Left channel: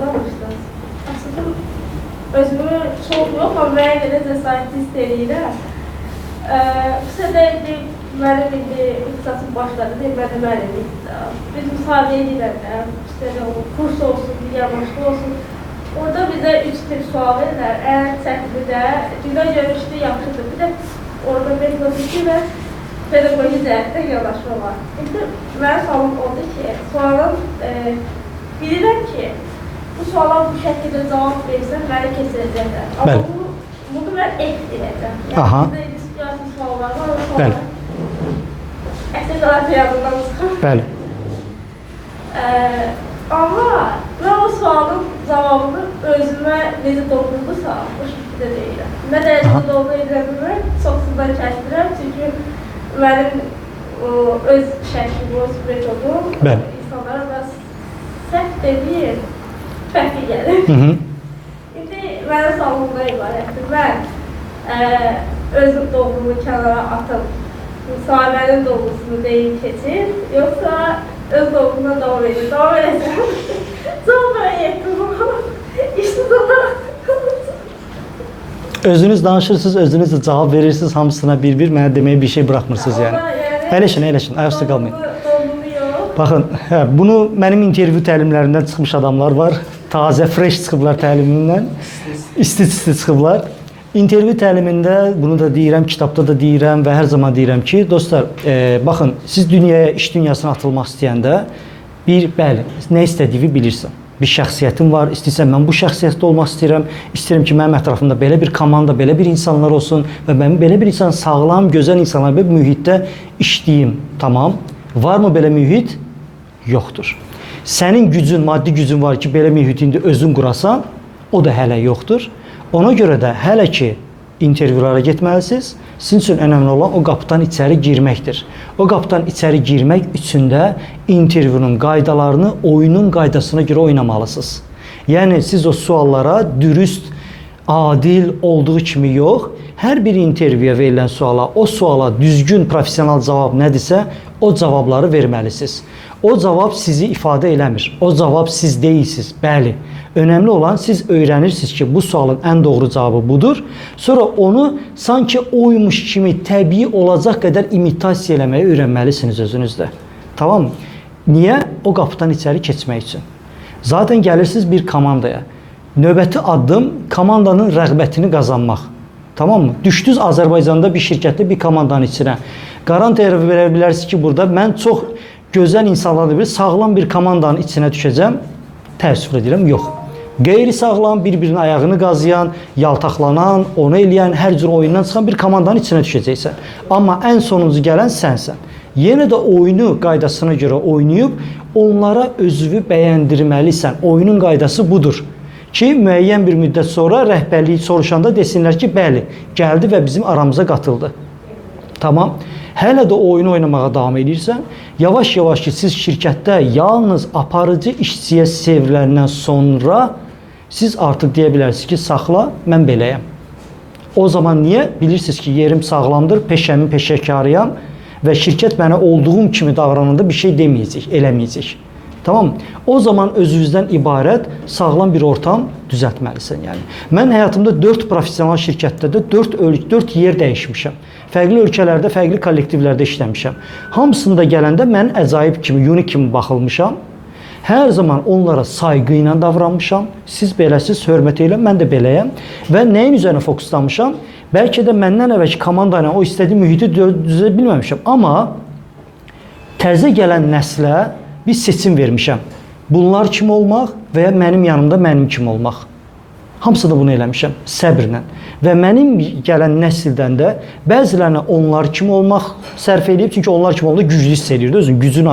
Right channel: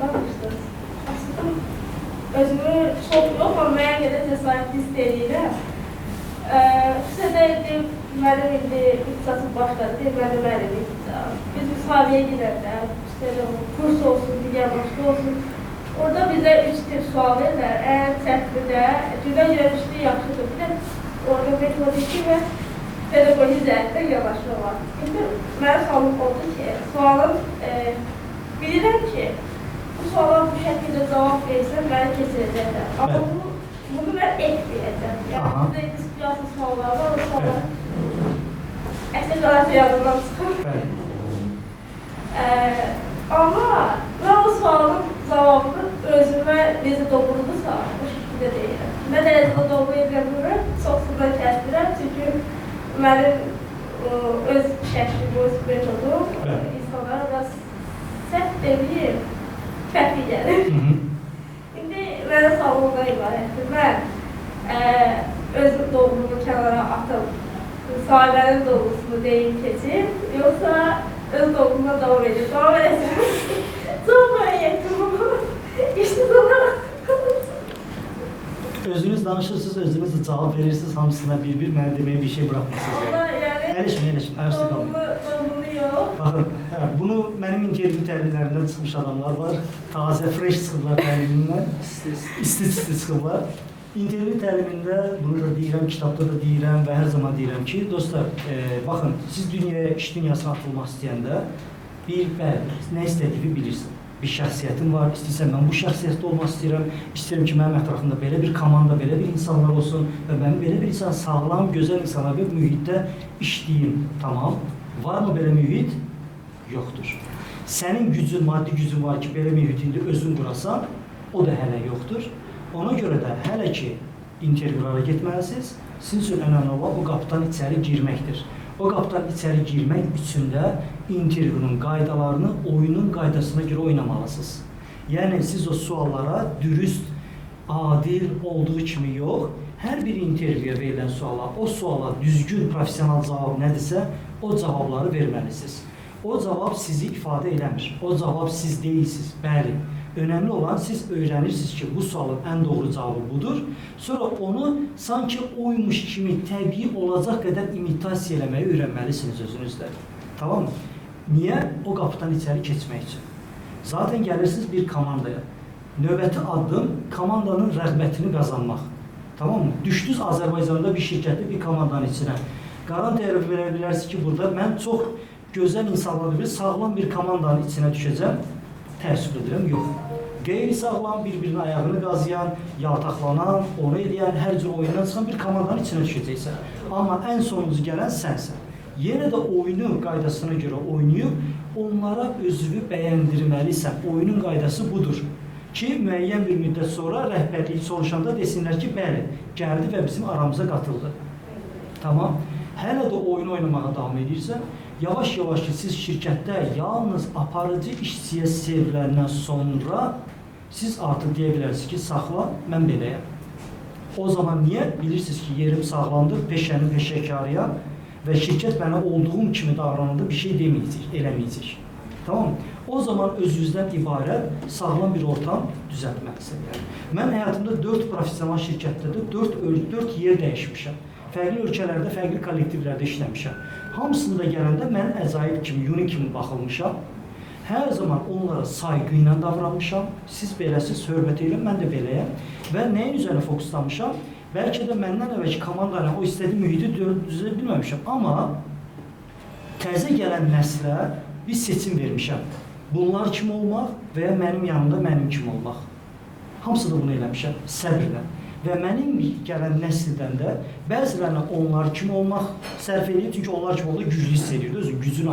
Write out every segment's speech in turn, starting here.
danışdınız. Aslında özümü çox yox, amma mənə görə cəsarət istəyirəm. Sizə də mənim indi ixtisasım başladı, mən də müəllimlikdə. Biz müsahibəyə girəndə, kurs olsun, digər başqa olsun. Orada bizə 3 tip sual verirlər. Ən çətini də, dünya görüşlü yaxşıdır. Bir də orada metodiki və pedaqoji cəhətdə yanaşma var. İndi mənim sualım oldu ki, sualın bilirəm ki, bu suala bu şəkildə cavab versən, məni keçirəcəklər. Amma bunu mən ek deyəcəm. Bizdə diskussiya suallar var, o suallar əsas olaraq yanından çıxır. Bəli. Amma mən o sualın cavabını özümə necə doğrudursa, o şəkildə deyirəm. Nə dərəcədə doğru edirəm bilmirəm, çox sudan kəsdirəm, çünki mənim öz şəklim, öz metodum insanlara da səhv deməyim, fərqli gəlir. İndi mənim sualımda ibarətdir. Mən öz doğrumu kənara atıb, müsahibənin doğrusunu deyib keçir, yoxsa öz doğrumdan davam edir. Davam edəcəm. Çox mən yetdim. İşsiz olaraq. Özünüz danışırsınız, özünüz də cavab verirsiniz, hamısına bir-bir, mənə deməyə bir şey bıraxmırsınız yəni. Əyləşin, ayaqüstə qalmayın. Doğrunu yox. Baxın, bunu mənim intervyu təlimlərindən çıxmış adamlar var. Tazə, fresh çıxıblar təlimindən. İsti-isti çıxıblar. İntervyu təlimində, bunu da deyirəm, kitabda da deyirəm və hər zaman deyirəm ki, dostlar, baxın, siz dünyaya, iş dünyasına atılmaq istəyəndə bəli, nə istədiyini bilirsən. Bir şəxsiyyətim var, istəyirsən mən bu şəxsiyyətdə olmaq istəyirəm, istəyirəm ki, mənim ətrafımda belə bir komanda, belə bir insanlar olsun və mən belə bir insan, sağlam, gözəl insanlar bir mühitdə işləyim, tamam. Varmı belə mühit? Yoxdur. Sənin gücün, maddi gücün var ki, belə mühitində özün qurasan, o da hələ yoxdur. Ona görə də hələ ki, intervyulara getməlisiniz. Sizin üçün önəmli olan o qapıdan içəri girməkdir. O qapıdan içəri girmək üçün də intervyunun qaydalarını oyunun qaydasına görə oynamalısınız. Yəni, siz o suallara dürüst, adil olduğu kimi yox, hər bir intervyuya verilən suala, o suala düzgün, profesional cavab nədirsə, o cavabları verməlisiniz. O cavab sizi ifadə eləmir. O cavab siz deyilsiniz. Bəli. Önəmli olan siz öyrənirsiniz ki, bu sualın ən doğru cavabı budur. Sonra onu sanki oymuş kimi təbii olacaq qədər imitasiya eləməyi öyrənməlisiniz özünüzdə. Tamam mı? Niyə? O qapıdan içəri keçmək üçün. Zaten gəlirsiniz bir komandaya. Növbəti addım komandanın rəğbətini qazanmaq. Tamam mı? Düşdünüz Azərbaycanda bir şirkətdə bir komandanın içinə. Garantiya verə bilərsiniz ki, burada mən çox gözəl insanlarla bir sağlam bir komandanın içinə düşəcəm. Təəssüf edirəm, yox. Qeyri-sağlam, bir-birinin ayağını qazıyan, yaltaqlanan, onu eləyən, hər cür oyundan çıxan bir komandanın içinə düşəcəksən. Amma ən sonuncu gələn sənsən. Yenə də oyunu qaydasına görə oynayıb, onlara özünü bəyəndirməlisən. Oyunun qaydası budur. Ki, müəyyən bir müddət sonra rəhbərliyi soruşanda desinlər ki, bəli, gəldi və bizim aramıza qatıldı. Tamam. Hələ də oyunu oynamağa davam edirsən, yavaş-yavaş ki, siz şirkətdə yalnız aparıcı işçiyə çevriləndən sonra siz artıq deyə bilərsiniz ki, saxla, mən beləyəm. O zaman niyə? Bilirsiniz ki, yerim sağlamdır, peşəmin peşəkarıyam və şirkət mənə olduğum kimi davrananda bir şey deməyəcək, eləməyəcək. Tamam. O zaman özünüzdən ibarət sağlam bir ortam düzəltməlisən. Yəni. Mən həyatımda 4 profesional şirkətdə də 4 yer dəyişmişəm. Fərqli ölkələrdə, fərqli kollektivlərdə işləmişəm. Hamısında gələndə mən əcaib kimi, unik kimi baxılmışam. Hər zaman onlara sayğı ilə davranmışam. Siz beləsiz, hörmət elə, mən də beləyəm. Və nəyin üzərine fokuslanmışam? Bəlkə də məndən əvvəlki komanda ilə o istədiyi mühiti düzə bilməmişəm. Amma təzə gələn nəslə bir seçim vermişəm. Bunlar kimi olmaq və ya mənim yanımda mənim kimi olmaq. Hamısını bunu eləmişəm, səbrlə. Və mənim gələn nəsildən də bəzilərinə onlar kimi olmaq sərf edib, çünki onlar kimi olanda güclü hiss edirdi, özün gücün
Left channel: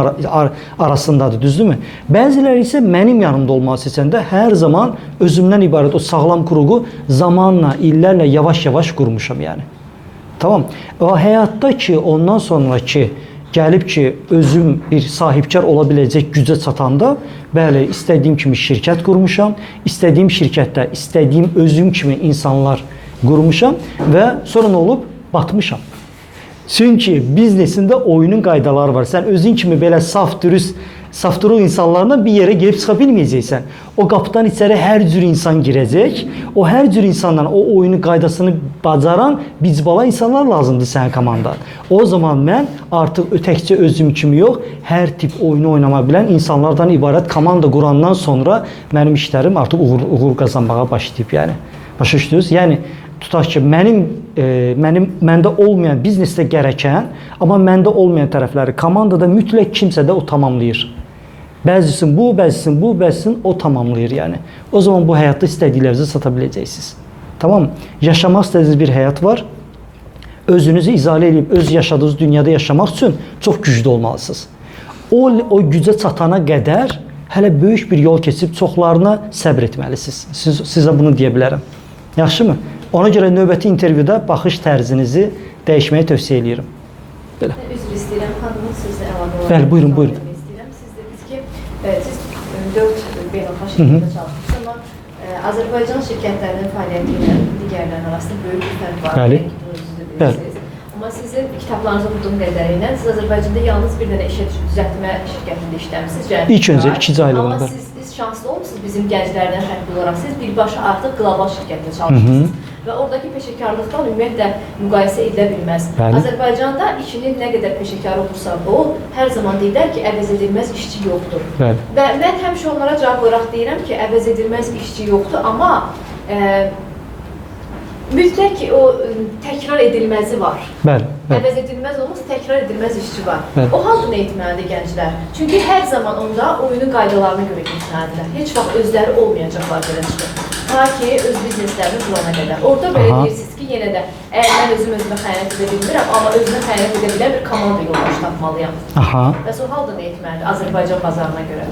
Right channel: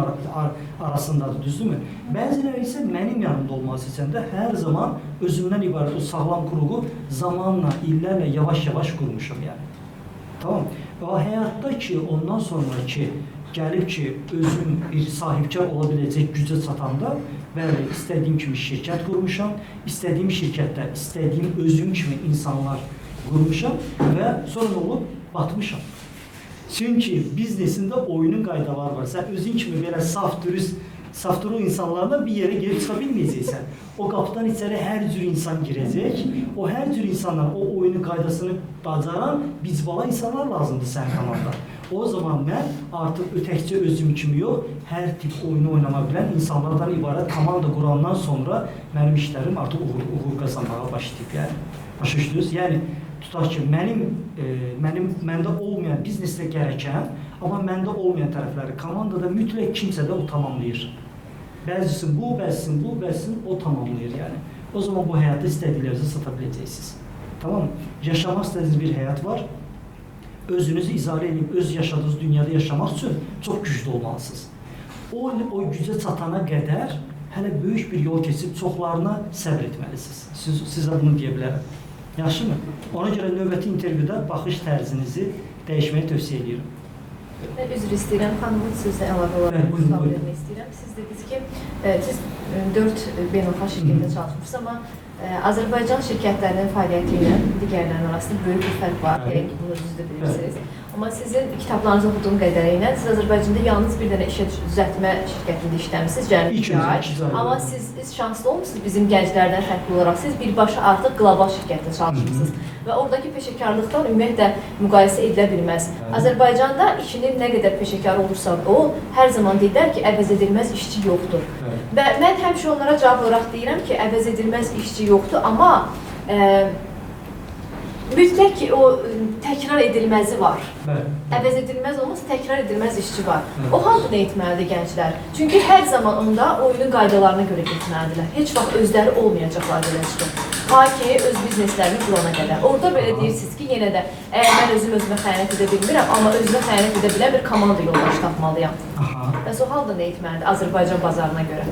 arasındadır, düzdürmü? Bəziləri isə mənim yanımda olmağı seçəndə hər zaman özümdən ibarət o sağlam quruğu zamanla, illərlə yavaş-yavaş qurmuşam yəni. Tamam. O həyatda ki, ondan sonra ki, gəlib ki, özüm bir sahibkar ola biləcək gücə çatanda, bəli, istədiyim kimi şirkət qurmuşam, istədiyim şirkətdə, istədiyim özüm kimi insanlar qurmuşam və sonra nə olub? Batmışam. Çünki biznesində oyunun qaydaları var. Sən özün kimi belə saf, dürüst, Safturuk insanlarla bir yere girib çıxa bilməyəcəksən. O qapıdan içəri hər cür insan girəcək. O hər cür insandan o oyunu qaydasını bacaran bicbala insanlar lazımdır sənin komandada. O zaman mən artıq təkcə özüm kimi yox, hər tip oyunu oynama bilən insanlardan ibarət komanda qurandan sonra mənim işlərim artıq uğur qazanmağa başlayıb, yəni. Başa düşdünüz? Yəni tutaq ki, məndə olmayan biznesdə gərəkən, amma məndə olmayan tərəfləri komandada mütləq kimsə də o tamamlayır. Bəzisin bu, bəzisin bu, bəzisin o tamamlayır, yəni. O zaman bu həyatda istədiklərinizi sata biləcəksiniz. Tamam? Yaşamaq istədiyiniz bir həyat var. Özünüzü izalə edib öz yaşadığınız dünyada yaşamaq üçün çox güclü olmalısınız. O gücə çatana qədər hələ böyük bir yol keçib çoxlarına səbr etməlisiniz. Sizə bunu deyə bilərəm. Yaxşımı? Ona görə növbəti intervyuda baxış tərzinizi dəyişməyi tövsiyə edirəm. Belə. Üzr istəyirəm, xanımın sizlə əlavə olaraq. Bəli, buyurun, buyurun. Siz dediniz ki, siz 4 beynəlxalq şirkətdə çalışmışsınız, amma Azərbaycan şirkətlərinin fəaliyyəti ilə digərlərinin arasında böyük bir fərq var. Bəli. Bəli. Amma sizin kitablarınızı oxuduğum qədərilə siz Azərbaycanda yalnız bir dənə işə düzəltmə şirkətində işləmisiniz. İlk öncə 2 aylıqda. Amma siz şanslı olmusunuz bizim gənclərdən fərqli olaraq. Siz birbaşa artıq qlobal şirkətdə çalışırsınız. Və oradakı peşəkarlıqdan ümumiyyətlə müqayisə edilə bilməz. Bəli. Azərbaycanda işinin nə qədər peşəkar olursa ol, hər zaman deyirlər ki, əvəz edilməz işçi yoxdur. Bəli. Və mən həmişə onlara cavab olaraq deyirəm ki, əvəz edilməz işçi yoxdur, amma mütləq ki, o təkrar edilməzi var. Bəli. Əvəz edilməz olmasa təkrar edilməz işçi var. Bəli. O halda nə etməlidir gənclər? Çünki hər zaman onda oyunun qaydalarına görə getməlidirlər. Heç vaxt özləri olmayacaqlar belə çıxır. Ta ki, öz bizneslərini qurana qədər. Orada belə deyirsiniz ki, yenə də əgər mən özümə xəyanət edə bilmirəm, amma özümə xəyanət edə bilən bir komanda yoldaş tapmalıyam. Bəs o halda nə etməlidir Azərbaycan bazarına görə?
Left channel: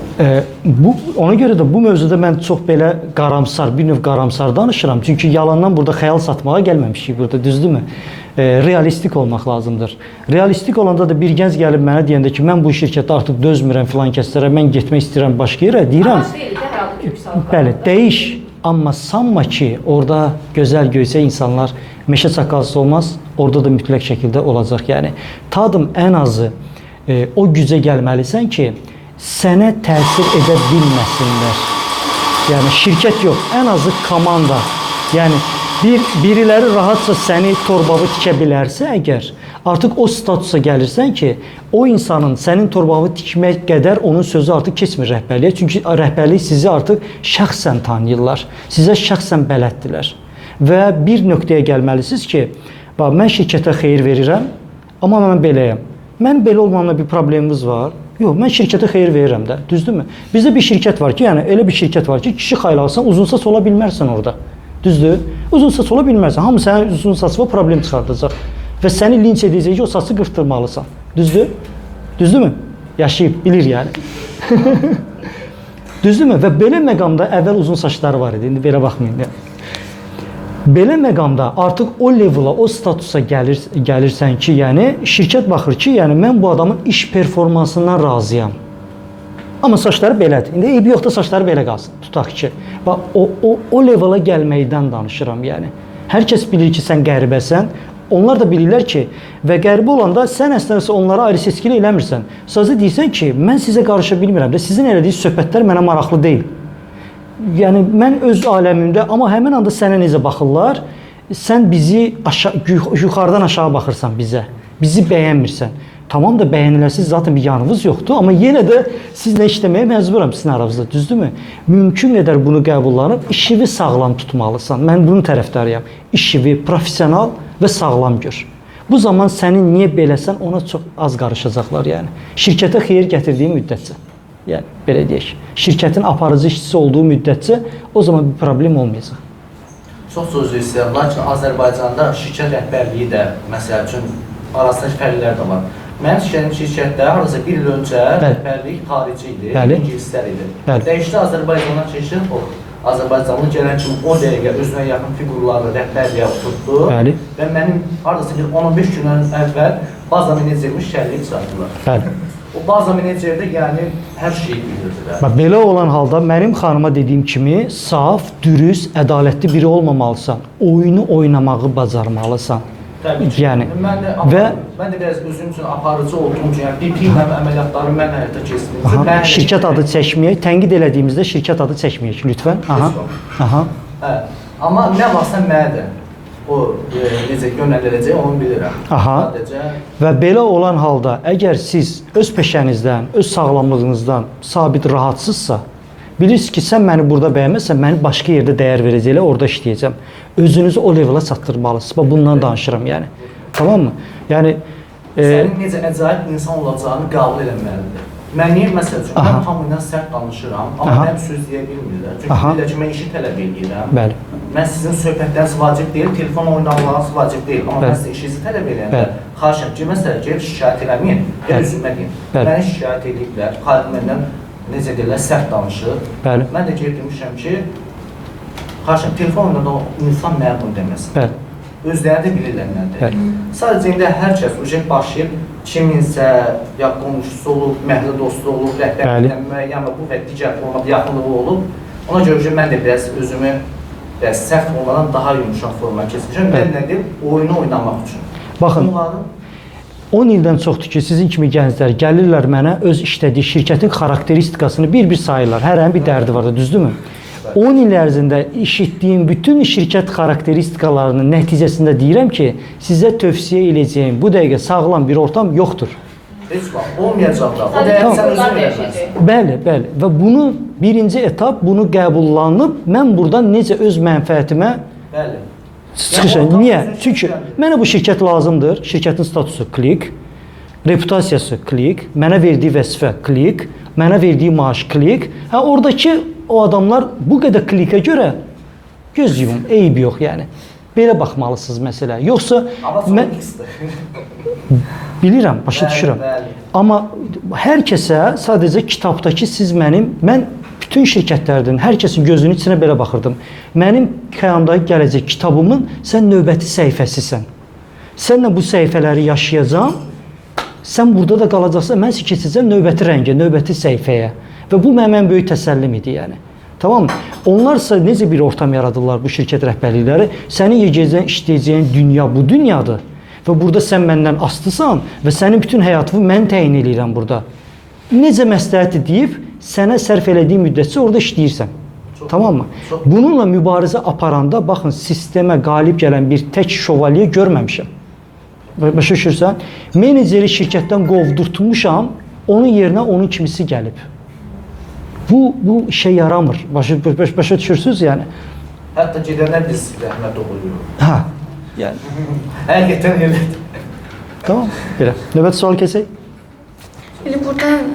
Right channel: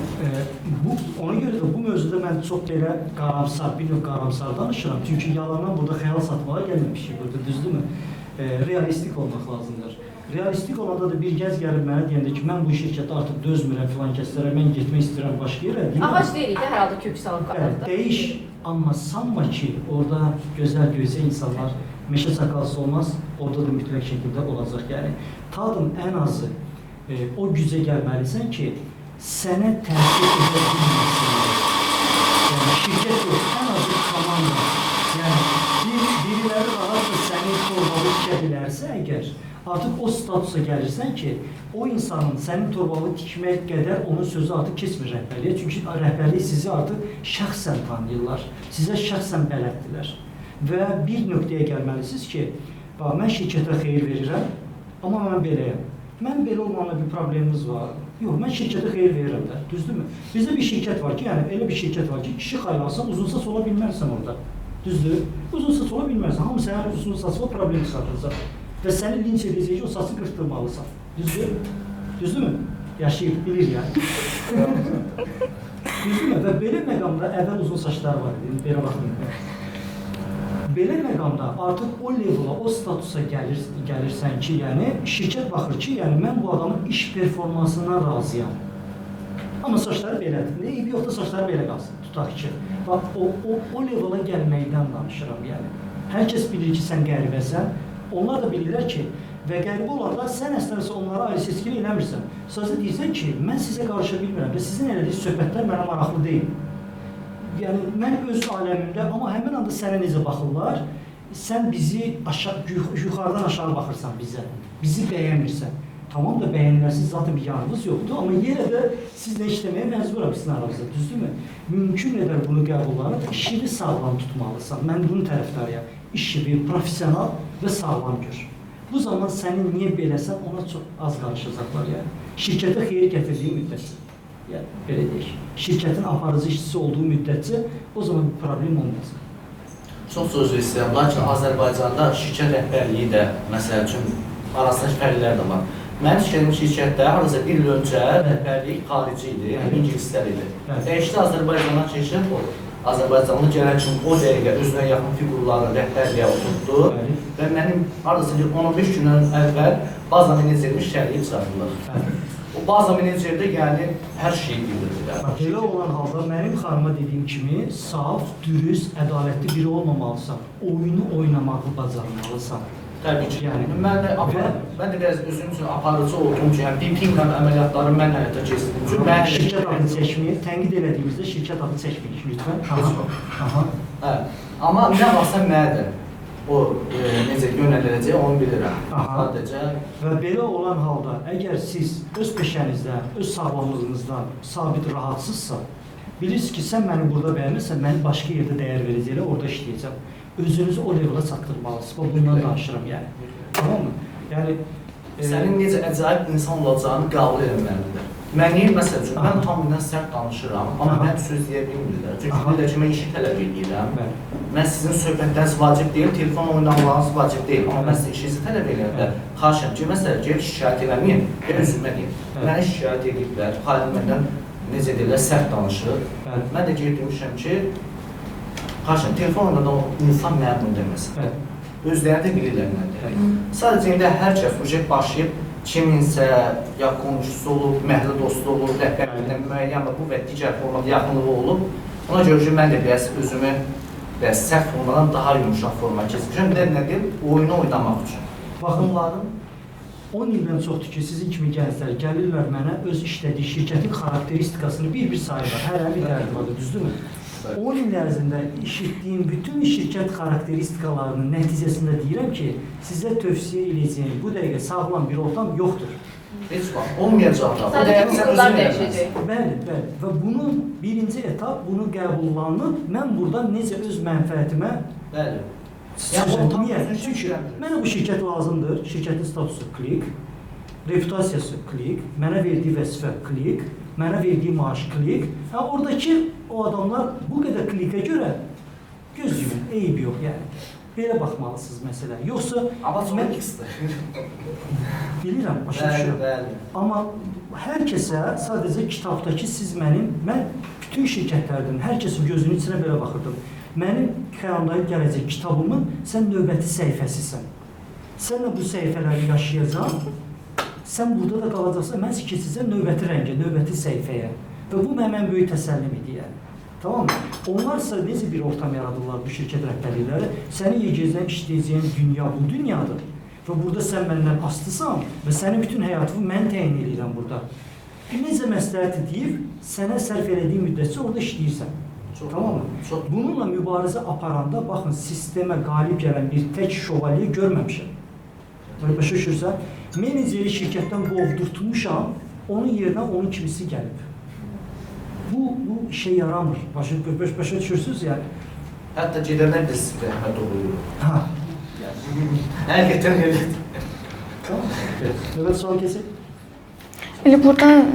Ona görə də bu mövzuda mən çox belə qaramsar, bir növ qaramsar danışıram. Çünki yalandan burada xəyal satmağa gəlməmişik burada, düzdürmü? Realistik olmaq lazımdır. Realistik olanda da bir gənc gəlib mənə deyəndə ki, mən bu şirkətdə artıq dözmürəm filan kəslərə, mən getmək istəyirəm başqa yerə, deyirəm. Amaç deyil, hər halda kök sağlıqlar. Bəli, dəyiş. Amma sanma ki, orada gözəl göysə insanlar meşə çakalsı olmaz, orada da mütləq şəkildə olacaq. Yəni, tadım ən azı o gücə gəlməlisən ki, sənə təsir edə bilməsinlər. Yəni, şirkət yox, ən azı komanda. Yəni, biriləri rahatca səni torbavı tikə bilərsə əgər, artıq o statusa gəlirsən ki, o insanın sənin torbavı tikmək qədər onun sözü artıq keçmir rəhbərliyə. Çünki rəhbərlik sizi artıq şəxsən tanıyırlar, sizə şəxsən bələddirlər. Və bir nöqtəyə gəlməlisiniz ki, mən şirkətə xeyir verirəm, amma mən beləyəm. Mən belə olmamla bir problemimiz var. Yox, mən şirkətə xeyir verirəm də, düzdürmü? Bizdə bir şirkət var ki, yəni elə bir şirkət var ki, kişi xaylarsan, uzun saç ola bilmərsən orada. Düzdür? Uzun saç ola bilmərsən. Hamı sənin uzun saçına problem çıxardacaq. Və səni linç edəcək ki, o saçı qırxdırmalısan. Düzdür? Düzdürmü? Yaşayıb, bilir yəni. Düzdürmü? Və belə məqamda əvvəl uzun saçları var idi. İndi belə baxmayın. Belə məqamda artıq o levela, o statusa gəlirsən ki, yəni şirkət baxır ki, yəni mən bu adamın iş performansından razıyam. Amma saçları belədir. İndi eybi yoxda saçları belə qalsın. Tutaq ki, o levela gəlməkdən danışıram, yəni. Hər kəs bilir ki, sən qəribəsən. Onlar da bilirlər ki, və qəribə olanda sən əslində onlara ayrı seçkili eləmirsən. Sadəcə deyirsən ki, mən sizə qarışa bilmirəm və sizin elədiyiniz söhbətlər mənə maraqlı deyil. Yəni, mən öz aləmimdə, amma həmin anda sənə necə baxırlar, sən bizi yuxarıdan aşağı baxırsan bizə, bizi bəyənmirsən. Tamam da bəyənilərsiz zaten bir yanınız yoxdur, amma yenə də sizlə işləməyə məcburam sizin aranızda, düzdürmü? Mümkün qədər bunu qəbullanıb, işini sağlam tutmalısan. Mən bunun tərəfdarıyam. İşini profesional və sağlam gör. Bu zaman sənin niyə beləsən, ona çox az qarışacaqlar, yəni. Şirkətə xeyir gətirdiyi müddətcə. Yəni, belə deyək. Şirkətin aparıcı işçisi olduğu müddətcə o zaman bir problem olmayacaq. Çox söz istəyirəm, lakin Azərbaycanda şirkət rəhbərliyi də, məsəl üçün, arasında fərqlər də var. Mən işlədiyim şirkətdə hardasa bir il öncə rəhbərlik xarici idi, ingilislər idi. Dəyişdi Azərbaycandan şirkət o. Azərbaycanlı gələn kimi o dəqiqə özünə yaxın figurları rəhbərliyə oturtdu və mənim hardasa 10-15 gündən əvvəl baza menecerimi şəhərliyə çıxartdılar. O baza menecerde yəni hər şeyi bilirdilər. Belə olan halda mənim xanıma dediyim kimi saf, dürüst, ədalətli biri olmamalısan. Oyunu oynamağı bacarmalısan. Təbii ki. Yəni və mən də biraz özüm üçün aparıcı olduğum üçün, yəni BP ilə əməliyyatları mən həyata keçirdim. Aha, şirkət adı çəkməyək, tənqid elədiyimizdə şirkət adı çəkməyək lütfən. Aha. Aha. Hə. Amma nə varsa mənə o necə yönəldiləcək onu bilirəm. Aha. Sadəcə Və belə olan halda əgər siz öz peşənizdən, öz sağlamlığınızdan sabit rahatsızsa, bilirsiniz ki, sən məni burada bəyənməzsən, məni başqa yerdə dəyər verəcəklər, orada işləyəcəm. Özünüzü o levelə çatdırmalısınız. Bax bundan danışıram yəni. Tamam mı? Yəni sənin necə əcaib insan olacağını qəbul etməlidir. Mən məsəl üçün mən tamamilə sərt danışıram, amma mən söz deyə bilmirlər. Çünki bilirlər ki, mən işi tələb edirəm. Bəli. Mən sizin söhbətləriniz vacib deyil, telefon oynamalarınız vacib deyil. Amma mən sizin işinizi tələb edirəm. Xahişəm ki, məsələn, gəlib şikayət eləməyin, gəl üzümə deyin. Mənə şikayət ediblər, xalim məndən necə deyirlər, sərt danışır. Bəli. Mən də gəlib demişəm ki, xahişəm, telefon oynada insan mənə bunu deməsin. Bəli. Özləri də bilirlər nədir. Sadəcə indi hər kəs ucaq başlayıb kiminsə ya qonşusu olub, məhəllə dostu olub, rəhbərlikdən müəyyən və bu və digər formada yaxınlığı olub. Ona görə ki, mən də biraz özümü sərt formadan daha yumuşaq forma keçmişəm. Mən nə deyim, oyunu oynamaq üçün. Baxın, 10 ildən çoxdur ki, sizin kimi gənclər gəlirlər mənə öz işlədiyi şirkətin xarakteristikasını bir-bir sayırlar. Hərənin bir dərdi var da, düzdürmü? 10 il ərzində işitdiyim bütün şirkət xarakteristikalarının nəticəsində deyirəm ki, sizə tövsiyə edəcəyim bu dəqiqə sağlam bir ortam yoxdur. Heç vaxt olmayacaq da. O dəyər sən özün verməlisən. Bəli, bəli. Və bunu birinci etap bunu qəbullanıb mən buradan necə öz mənfəətimə çıxışam. Niyə? Çünki mənə bu şirkət lazımdır. Şirkətin statusu klik, reputasiyası klik, mənə verdiyi vəzifə klik, mənə verdiyi maaş klik. Hə oradakı o adamlar bu qədər klikə görə göz yumum, eyb yox yəni. Belə baxmalısınız məsələ. Yoxsa mən bilirəm, başa düşürəm. Amma hər kəsə sadəcə kitabdakı siz mən bütün şirkətlərdən hər kəsin gözünün içinə belə baxırdım. Mənim qiyamdakı gələcək kitabımın sən növbəti səhifəsisən. Sənlə bu səhifələri yaşayacağam. Sən burada da qalacaqsan, mən sizi keçəcəm növbəti rəngə, növbəti səhifəyə. Və bu mənim böyük təsəllim idi yəni. Tamam mı? Onlarsa necə bir ortam yaradırlar bu şirkət rəhbərlikləri? Səni yegəcəyin, işləyəcəyin dünya bu dünyadır. Və burada sən məndən asılısan və sənin bütün həyatını mən təyin edirəm burada. Necə məsləhəti deyib, sənə sərf elədiyi müddətcə orada işləyirsən. Tamam mı? Bununla mübarizə aparanda, baxın, sistemə qalib gələn bir tək şövalye görməmişəm. Başa düşürsən? Meneceri şirkətdən qovdurtmuşam, onun yerinə onun kimisi gəlib. Bu işə yaramır. Başa düşürsünüz yəni? Hətta gedənlər biz rəhmət oluyor. Hə. Yəni. Həqiqətən elədir. Tamam. Belə. Növbəti sual keçək. Buradan